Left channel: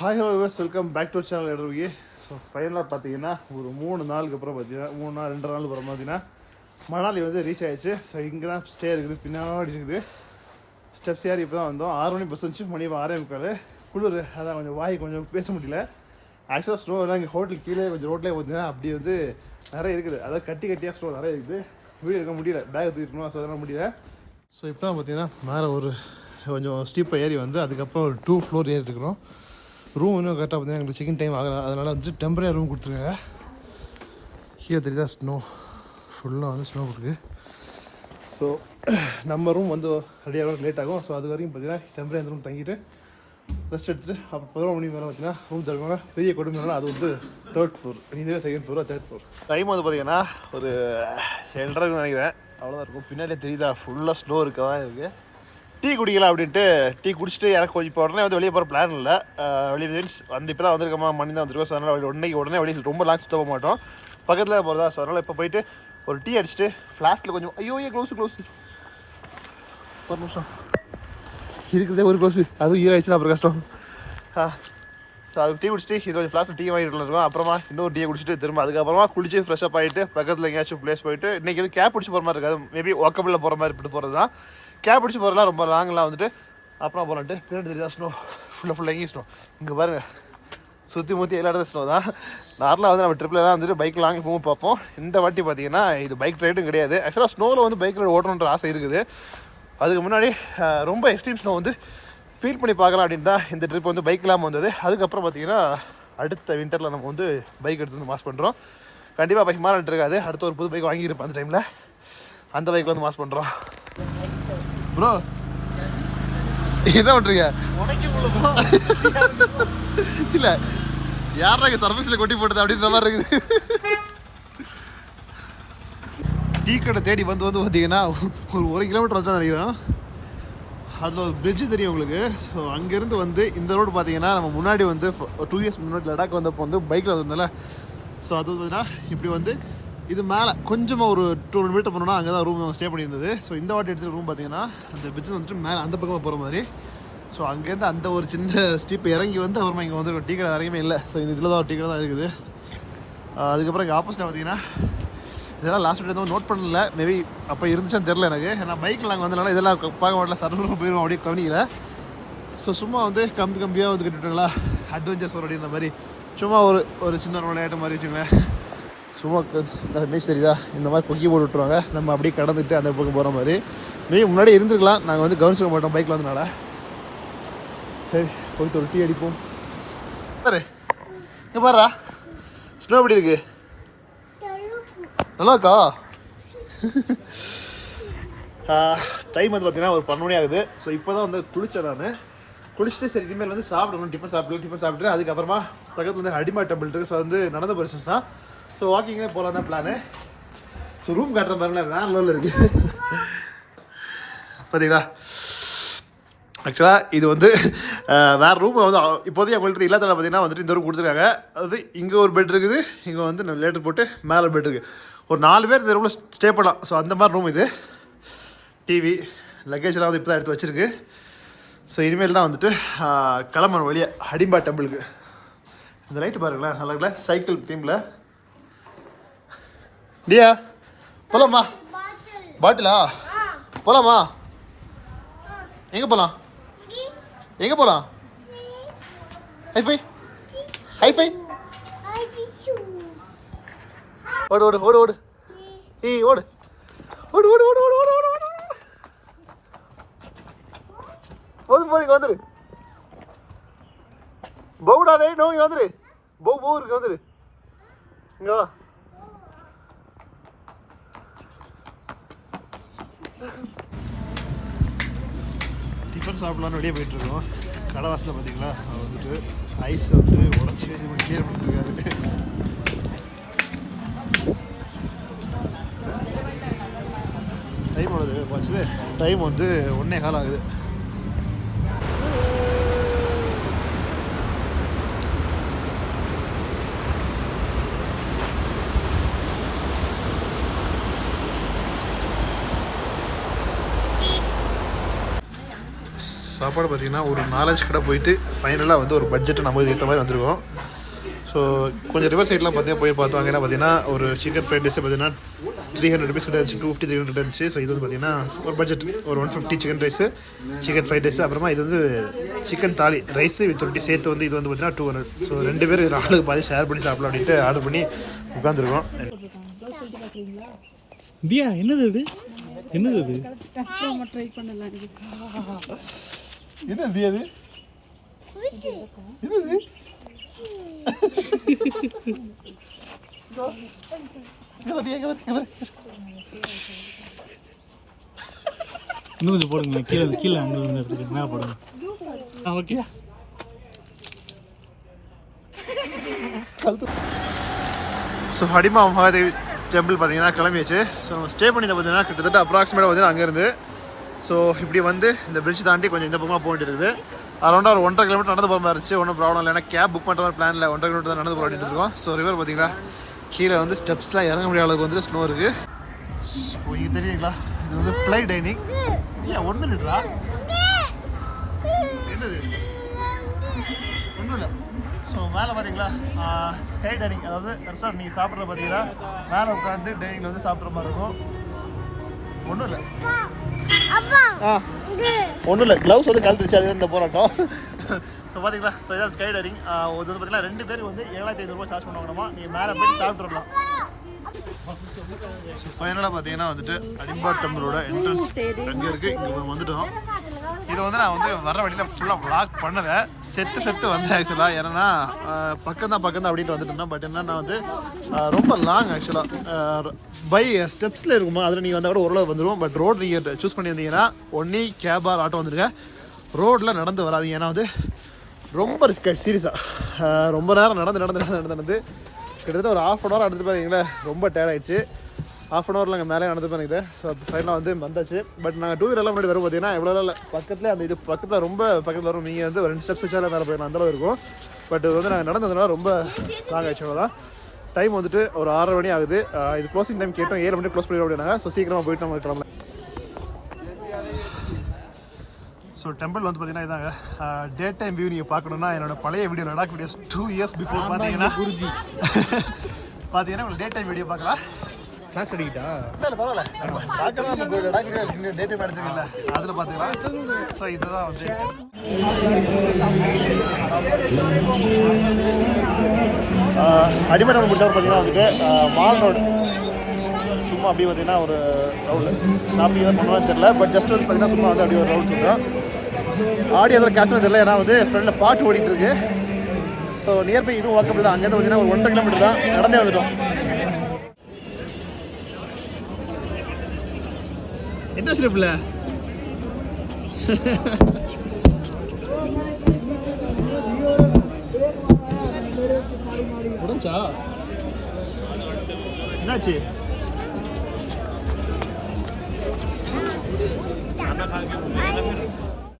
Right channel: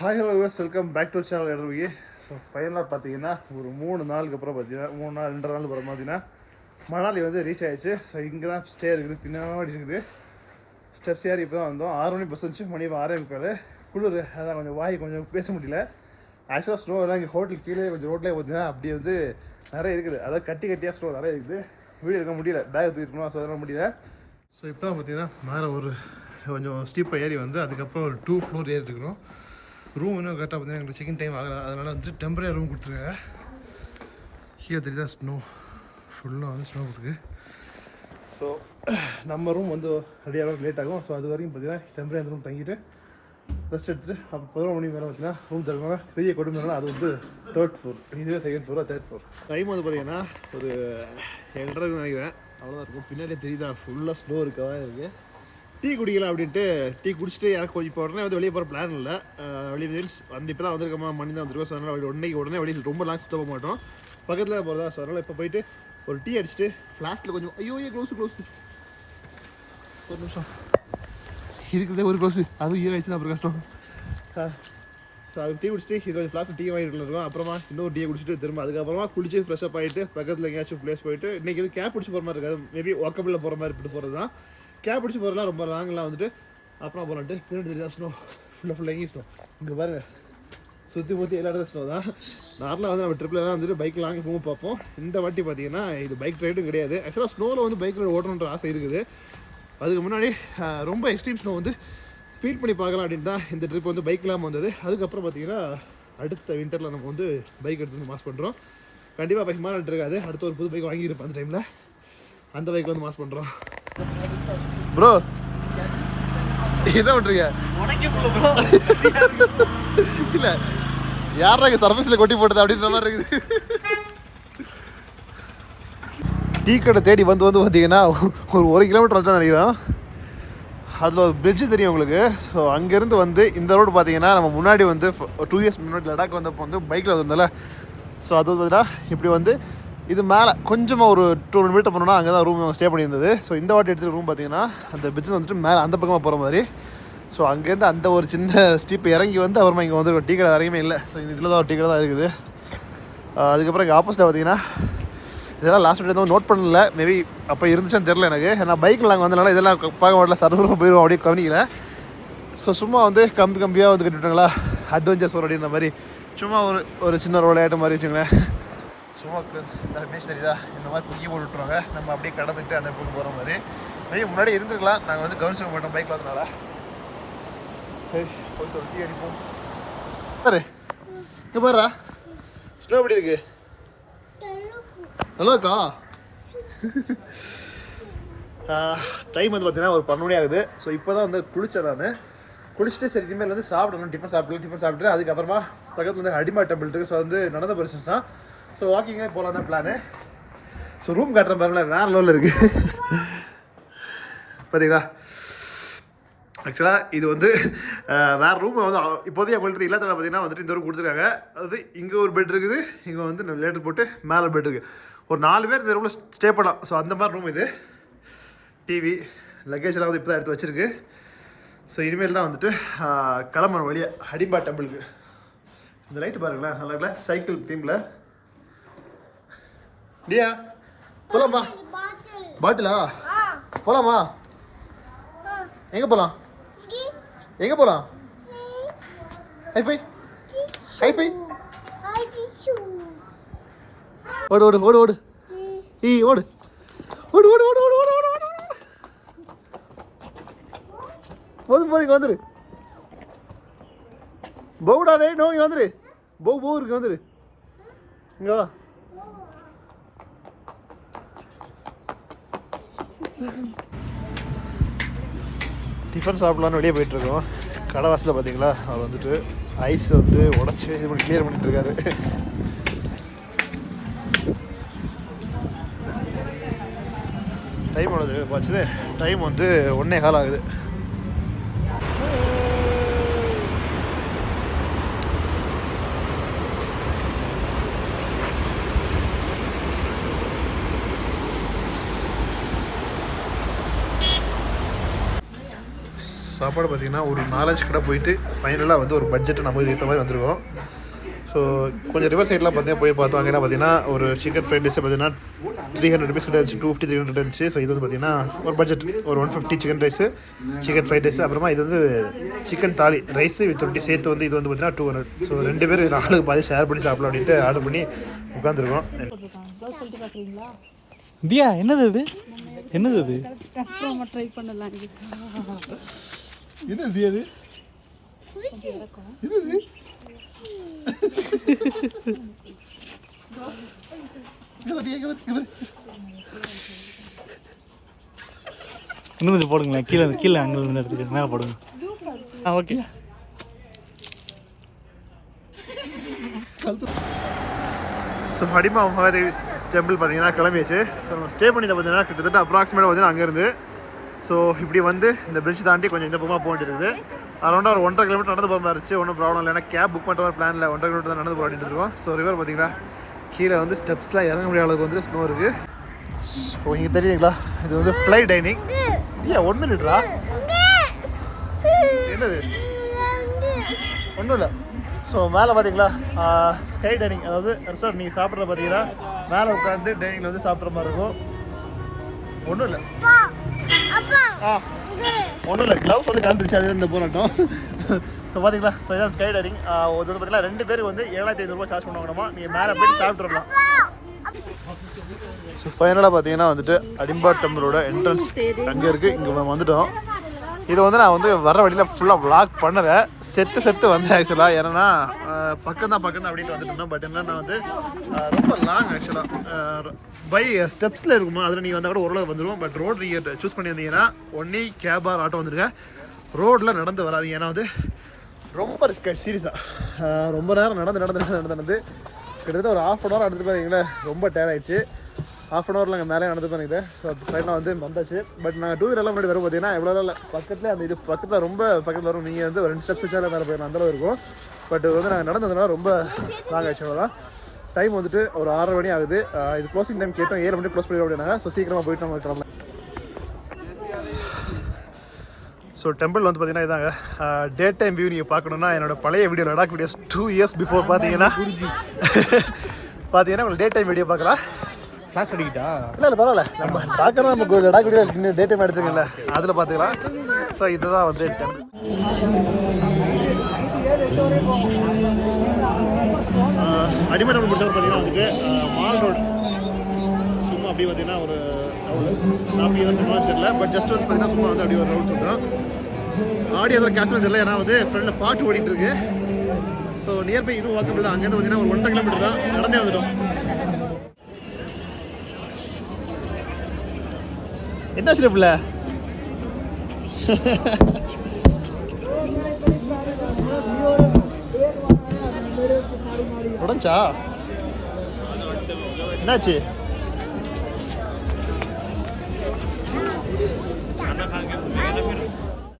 Hi hello welcome back to channel இடருக்கு. So ஃபைனலாக பார்த்தீங்கன்னா ஒரு 3 நாளுக்கு அப்புறம் பார்த்தீங்கன்னா 3 நாள் 2 நாள் அப்புறம் பார்த்தீங்கன்னா மணாலி வந்து ரீச் ஆகிடுச்சு. ஸோ இங்கே தான் ஸ்டே இருக்குது, பின்னாடி இருக்குது. ஸ்டெப்ஸ் ஏறி இப்போ தான் வந்தோம். 6 மணி பஸ் வந்துச்சு, மணி 6:45. குளிர், அதான் கொஞ்சம் வாய் கொஞ்சம் பேச முடியல. ஆக்சுவலாக ஸ்னோ எல்லாம் இங்கே ஹோட்டல் கீழே கொஞ்சம் ரோட்லேயே பார்த்தீங்கன்னா அப்படி வந்து நிறைய இருக்குது. அதாவது கட்டியாக ஸ்னோ நிறைய இருக்குது. வீடு இருக்க முடியல, பேக் தூக்கிட்டோம். ஸோ அதெல்லாம் முடியல. ஸோ இப்போ தான் பார்த்தீங்கன்னா மேலே ஒரு கொஞ்சம் ஸ்டீப்பாக ஏறி வந்து அதுக்கப்புறம் ஒரு 2 ஃப்ளோர் ஏறி இருக்கணும். ரூம் இன்னும் கரெக்டாக பார்த்தீங்கன்னா எங்களுக்கு செக்கிங் டைம் ஆகலாம். அதனால் வந்து டெம்பரரி ரூம் கொடுத்துருக்காங்க. கீழே தெரியுதா ஸ்னோ, ஃபுல்லாக வந்து ஸ்னோ இருக்குது. ஸோ நம்ம ரூம் வந்து ரெடியாக லேட் ஆகும். ஸோ அது வரைக்கும் பார்த்தீங்கன்னா டெம்பரரி அந்த ரூம் தங்கிட்டு ரெஸ்ட் எடுத்துட்டு அப்போ 11 மணி மேலே பார்த்தீங்கன்னா ரூம் தருவாங்க. பெரிய கொடுமைனால அது வந்து 3rd ஃப்ளோர், இதுவே 2nd floor, 3rd floor. Time வந்து பார்த்தீங்கன்னா ஒரு 7:30 நினைக்கிறேன், அவ்வளோதான் இருக்கும். பின்னாடியே தெரியுதா ஃபுல்லாக ஸ்னோ இருக்கா தான் இருக்குது. டீ குடிக்கலாம் அப்படின்ட்டு டீ குடிச்சிட்டு எனக்கு கொஞ்சம் இப்போ உடனே வந்து வெளியே போகிற பிளான் இல்லை. வெளியே மீன்ஸ் வந்து இப்போ தான் வந்திருக்கோமா, மணி தான் வந்திருக்கோம். ஸோ அதனால் உடனே வெளியே ரொம்ப லாங் சுத்த போக மாட்டோம், பக்கத்தில் போகிறதா. ஸோ அதனால் இப்போ போயிட்டு ஒரு டீ அடிச்சுட்டு ஃப்ளாஸ்கில் கொஞ்சம் க்ளோஸு ஒரு நிமிஷம் இருக்குதே, ஒரு க்ளோஸு அதுவும் ஈராயிடுச்சுன்னா அப்புறம் கஷ்டம். ஸோ அது டீ குடிச்சிட்டு இது கொஞ்சம் ஃப்ளாஸ்கில் டீ வாங்கிட்டு இருக்கோம். அப்புறமா இன்னொரு டீ குடிச்சிட்டு திரும்ப அதுக்கப்புறமா குளிச்சு ஃப்ரெஷ்ஷப் ஆகிட்டு பக்கத்தில் எங்கேயாச்சும் பிளேஸ் போயிட்டு இன்றைக்கி வந்து கேப் பிடிச்சி போகிற மாதிரி இருக்காது. மேபி வாக்கபிளில் போகிற மாதிரி இப்படி போகிறது தான். கேப் பிடிச்சி போகிறதுலாம் ரொம்ப லாங்கெலாம் வந்துட்டு அப்புறம் போகலான்ட்டு. பின்னாடி தெரியுதா ஸ்னோ, ஃபுல்லாக எங்கேயும் ஸ்னோ. இங்கே பாருங்கள், சுற்றி எல்லா இடத்துல ஸ்னோ தான். நார்மலாக வந்து நம்ம ட்ரிப்பில் வந்துட்டு பைக் லாங் போகும் பார்ப்போம். இந்த வாட்டி பார்த்தீங்கன்னா இது பைக் ரைடும் கிடையாது. ஆக்சுவலாக ஸ்னோவில் வந்து பைக் ரைடு ஓட்டணுன்ற ஆசை இருக்குது. அதுக்கு முன்னாடி ரொம்ப எக்ஸ்ட்ரீம் ஸ்னோ வந்து ஃபீல் பண்ணி பார்க்கலாம் அப்படின்னு தான் இந்த ட்ரிப் வந்து பைக் இல்லாமல் வந்தது. அதுக்கப்புறம் பார்த்தீங்கன்னா அடுத்த வின்டரில் நம்ம வந்து பைக் எடுத்து வந்து மாஸ் பண்ணுறோம். கண்டிப்பாக பைக் மாறிட்டு இருக்காது. அடுத்த ஒரு புது பைக் வாங்கியிருப்பேன் அந்த டைமில். அந்த பைக்கில் வந்து மாஸ் பண்ணுறோம். ப்ரோ என்ன பண்ணுறீங்க? இல்லை யாரா இங்கே சர்ஃபேஸில் கொட்டி போட்டது அப்படின்ற மாதிரி இருக்குது. டீ கடை தேடி வந்து பார்த்தீங்கன்னா ஒரு 1 கிலோமீட்டர் வந்து தான் நினைக்கிறோம். அதில் ஒரு பிரிட்ஜு தெரியும் உங்களுக்கு. ஸோ அங்கேருந்து வந்து இந்த ரோடு பார்த்தீங்கன்னா நம்ம முன்னாடி வந்து 2 இயர்ஸ் முன்னாடி லடாக் வந்தப்போ வந்து பைக்கில் வந்ததில்ல. ஸோ அது பார்த்தீங்கன்னா இப்படி வந்து இது மேலே கொஞ்சமாக ஒரு 200 மீட்டர் போனோம்னா அங்கே தான் ரூம் ஸ்டே பண்ணியிருந்தது. ஸோ இந்த வாட்டி எடுத்துகிட்டு ரூம் பார்த்தீங்கன்னா அந்த பிரிட்ஜ் வந்துட்டு மேலே அந்த பக்கமாக போகிற மாதிரி. ஸோ அங்கேருந்து அந்த ஒரு சின்ன ஸ்டீப் இறங்கி வந்து அப்புறமா இங்கே வந்து டீ கடை இறங்குமே இல்லை. ஸோ இந்த இதில் தான் ஒரு டீ கடை தான் இருக்குது. அதுக்கப்புறம் இங்கே ஆப்போசிட்டில் பார்த்தீங்கன்னா இதெல்லாம் லாஸ்ட் டே வந்து நோட் பண்ணல, மேபி அப்போ இருந்துச்சுன்னு தெரில எனக்கு. ஏன்னா பைக்கில் நாங்கள் வந்தனால இதெல்லாம் பார்க்க மாட்டல, சர்வரும் போயிடுவோம் அப்படியே கவனிக்கல. ஸோ சும்மா வந்து கம்பியாக வந்து கட்டிவிட்டாங்களா அட்வென்ச்சர்ஸ் ஒரு அப்படின்ற மாதிரி. சும்மா ஒரு சின்ன ரோடு ஆகிட்ட மாதிரி வச்சுங்களேன். சும்மா பீச் தெரியுதா, இந்த மாதிரி கொக்கி போட்டு விட்ருவாங்க. நம்ம அப்படியே கடந்துட்டு அந்த பக்கம் போகிற மாதிரி. மேபி முன்னாடி இருந்துருக்கலாம், நாங்கள் வந்து கவனிச்சிக்க மாட்டோம் பைக்கில் வந்தனால. சரி போயிட்டு ஒரு டீ அடிக்கும். பாரு இங்கே பாருடா ஸ்னோ எப்படி இருக்கு, நல்லாக்கா. டைம் வந்து பார்த்தீங்கன்னா ஒரு 12 மணி ஆகுது. ஸோ இப்போ தான் வந்து குளித்தேன் நான். குளிச்சுட்டு சரி இனிமேல் வந்து சாப்பிடணும், டிஃபன் சாப்பிட்டு அதுக்கப்புறமா பக்கத்தில் வந்து ஹடிமா டெம்பிள் இருக்குது. ஸோ வந்து நடந்த பர்சன்ஸ் தான். ஸோ வாக்கிங்கே போகலாம் தான் பிளானு. ஸோ ரூம் காட்டுற பாருங்களேன், வேறு லெவலில் இருக்குது பார்த்தீங்களா. ஆக்சுவலாக இது வந்து வேறு ரூம் வந்து இப்போதைக்கு அவங்கள்ட்ட இல்லாத பார்த்தீங்கன்னா வந்துட்டு இந்த ரூம் கொடுத்துருக்காங்க. அதாவது இங்கே ஒரு பெட் இருக்குது, இங்கே வந்து லேட்டர் போட்டு மேலே பெட் இருக்குது. ஒரு 4 பேர் இந்த ரூமில் ஸ்டே பண்ணலாம். ஸோ அந்த மாதிரி ரூம் இது. டிவி லக்கேஜெலாம் வந்து இப்போ தான் எடுத்து வச்சுருக்கு. ஸோ இனிமேல் தான் வந்துட்டு கிளம்பணும் வழியாக ஹடிம்பா டெம்பிளுக்கு. இந்த லைட்டு பாருங்களேன், நல்லா இருக்குல்ல, சைக்கிள் தீமில். டியா போகலாமா? பாட்டிலா போகலாமா? எங்கே போகலாம்? எங்கே போகலாம்? ஹைஃபை ஓடு ஓடு ஓடு ஓடு ஈ ஓடு ஓடு ஓடு ஓடு ஓடு போது இங்கே வந்துரு. பவுடா நோ இங்கே வந்துரு. பவு இருக்கு வந்துரு. இங்கே வா. டிஃபன் சாப்பிட்லான்னு வெளியே போயிட்டுருக்கோம். கடை வாசலில் பார்த்தீங்களா, அவர் வந்துட்டு ஐஸ் வந்து உடச்சி இது பண்ணி கிளியர் பண்ணிட்டுருக்காரு. டைம் எவ்வளோ பார்த்துது? டைம் வந்து 1:15 ஆகுது. சாப்பாடு பார்த்தீங்கன்னா ஒரு 4-5 கடை போயிட்டு ஃபைனலாக வந்து ஒரு பட்ஜெட்டை நம்ம ஏற்ற மாதிரி வந்திருக்கோம். ஸோ கொஞ்சம் ரிவர் சைட்லாம் பார்த்தீங்கன்னா போய் பார்த்தோம். அங்கெல்லாம் பார்த்தீங்கன்னா ஒரு சிக்கன் ஃப்ரைட் ரைஸ் பார்த்தீங்கன்னா 300 rupees கிட்ட இருந்துச்சு, 250-300 இருந்துச்சு. ஸோ இது வந்து பார்த்தீங்கன்னா ஒரு பட்ஜெட் ஒரு 150 chicken rice, chicken fried rice. அப்புறமா இது வந்து சிக்கன் தாலி ரைஸு வித் ரொட்டி சேர்த்து வந்து இது வந்து பார்த்தீங்கன்னா 200. ஸோ 2 பேர் ஆளுக்கு பாதி ஷேர் பண்ணி சாப்பிடலாம் அப்படின்ட்டு ஆர்டர் பண்ணி உட்காந்துருக்கோம். தியா என்னது இது? என்னது இது? ட்ரை பண்ணலாம். இது தியா இது? இது இன்னும் கொஞ்சம் போடுங்க, கீழே கீழே அங்கே இடத்துக்கு மேலே போடுங்க. ஓகே. ஸோ ஹடிமா மகாதேவி டெம்பிள் பார்த்தீங்கன்னா கிளம்பியாச்சு. ஸோ நம்ம ஸ்டே பண்ணி பார்த்தீங்கன்னா கிட்டத்தட்ட அப்ராக்சிமேட்டாக பார்த்தீங்கன்னா அங்கேருந்து ஸோ இப்படி வந்து இந்த பிரிட்ஜ் தாண்டி கொஞ்சம் இந்த பக்கமாக போயிட்டு இருக்குது. அரௌண்டாக ஒரு 1.5 கிலோமீட்டர் நடந்து போகிற மாதிரி இருந்துச்சு. ஒன்றும் ப்ராப்ளம் இல்லை, ஏன்னா கேப் புக் பண்ணுற மாதிரி பிளான் இல்லை. 1.5 கிலோமீட்டர் தான் நடந்து போகிற அப்படின்ட்டு இருக்கோம். ஸோ ரிவர் பார்த்தீங்களா கீழே வந்து ஸ்டெப்ஸ்லாம் இறங்க முடியாத அளவுக்கு வந்து ஸ்னோ இருக்குது. இப்போ இங்கே தெரியுங்களா இது வந்து ஃப்ளை டைனிங். ஏன் 1 மினிட்ரா? என்னது? ஒன்றும் இல்லை. ஸோ மேலே பார்த்தீங்களா ஸ்கை டைனிங், அதாவது ரெசார்ட் நீங்கள் சாப்பிட்ற பார்த்தீங்கன்னா மேலே உட்காந்து டைனிங்கில் வந்து சாப்பிட்ற மாதிரி இருக்கும். ஒன்றும் இல்லை ஒன்றும் இல்லை, க்ளவுஸ் வந்து கழட்டுருச்சு, அது இந்த போராட்டம். ஸோ பார்த்தீங்களா ஸோ இதான் ஸ்கை டைனிங். இது வந்து பார்த்தீங்கன்னா 2 பேருக்கு வந்து 7500 ரூபா சார்ஜ் பண்ணுவாங்கம்மா. நீங்கள் மேலே போய்ட்டு சாப்பிட்றலாம். ஸோ ஃபைனலாக பார்த்தீங்கன்னா வந்துட்டு ஹடிம்பா டெம்பிளோட என்ட்ரன்ஸ் அங்கே இருக்குது. இங்கே வந்துட்டோம். இது வந்து நான் வந்து வர வழியில் ஃபுல்லாக vlog பண்ணலை, செத்து வந்தேன் ஆக்சுவலாக. ஏன்னா பக்கம் தான் அப்படின்ட்டு வந்துட்டு இருந்தேன். பட் என்னன்னா வந்து ரொம்ப லாங் ஆக்சுவலாக பை ஸ்டெப்ஸில் இருக்குமா, அதில் நீங்கள் வந்தால் கூட ஓரளவு வந்துடும். பட் ரோடு நீங்கள் சூஸ் பண்ணி வந்தீங்கன்னா ஒன்லி கேப் ஆர் ஆட்டோ வந்துருங்க, ரோட்டில் நடந்து வராதிங்க. ஏன்னா வந்து ரொம்ப ரிஸ்க் சீரியஸாக ரொம்ப நேரம் நடந்து கிட்டத்தட்ட ஒரு 1/2 hour நடந்து பார்த்தீங்களா ரொம்ப டயர்ட் ஆகிடுச்சு. 1/2 hour அங்கே மேலே நடந்து பண்ணிக்கிது. ஸோ ஃபைனலாக வந்து வந்தாச்சு. பட் நாங்கள் 2 வீலர்லாம் முன்னாடி வரும் பார்த்தீங்கன்னா எவ்வளோ இல்லை பக்கத்தில் அந்த இது பக்கத்தில் ரொம்ப பக்கத்தில் வரும். நீங்கள் வந்து 2 ஸ்டெப்ஸ் வச்சாலே மேலே போயிடலாம், அந்தளவு இருக்கும். பட் இது வந்து நாங்கள் நடந்ததுனால ரொம்ப லாங் ஆச்சு. அவ்வளோதான். டைம் வந்துட்டு ஒரு 6:30 மணி ஆகுது. இது க்ளோசிங் டைம் கேட்டோம், 7 மணி க்ளோஸ் பண்ணிடுவோம் அப்படின்னாங்க. ஸோ சீக்கிரமாக போயிட்டு நம்ம கிளம்பலாம். ஸோ டெம்பிள் வந்து பார்த்தீங்கன்னா இதாங்க டே டைம் வியூ நீங்கள் பார்க்கணுன்னா என்னோட பழைய video Ladakh videos 2 years before பார்த்தீங்கன்னா உங்களுக்கு டே டைம் வீடியோ பார்க்கலாம். கிளாஸ் அடிக்கிட்டா இல்லை பரவாயில்ல, நம்ம பார்க்கணும். நம்ம லடாக் வீடியோ டே டைம் அடிச்சுக்கல, அதில் பார்த்துக்கலாம். ஸோ இதுதான் வந்து அடிமை நம்ம பிடிச்சவங்க பார்த்தீங்கன்னா வந்துட்டு மால் ரோடு சும்மா அப்படியே பார்த்தீங்கன்னா ஒரு ரவுண்டு ஷாப்பிங் எதாவது பண்ணுவான்னு தெரியல. பட் ஜஸ்ட் வந்து பார்த்தீங்கன்னா சும்மா வந்து அப்படியே ஒரு ரவுண்ட் சொல்கிறோம். ஆடியோ எதாவது கேட்ச் தெரியல, ஏன்னா வந்து ஃப்ரெண்டில் பாட்டு ஓடிட்டு இருக்கு. ஸோ நியர்பை இதுவும் வாக்கபிள் தான். அங்கேருந்து பார்த்தீங்கன்னா ஒரு 1.5 கிலோமீட்டர் தான், நடந்தே வந்துட்டோம். என்ன ஸ்டெப்ல உடஞ்சா என்னாச்சு?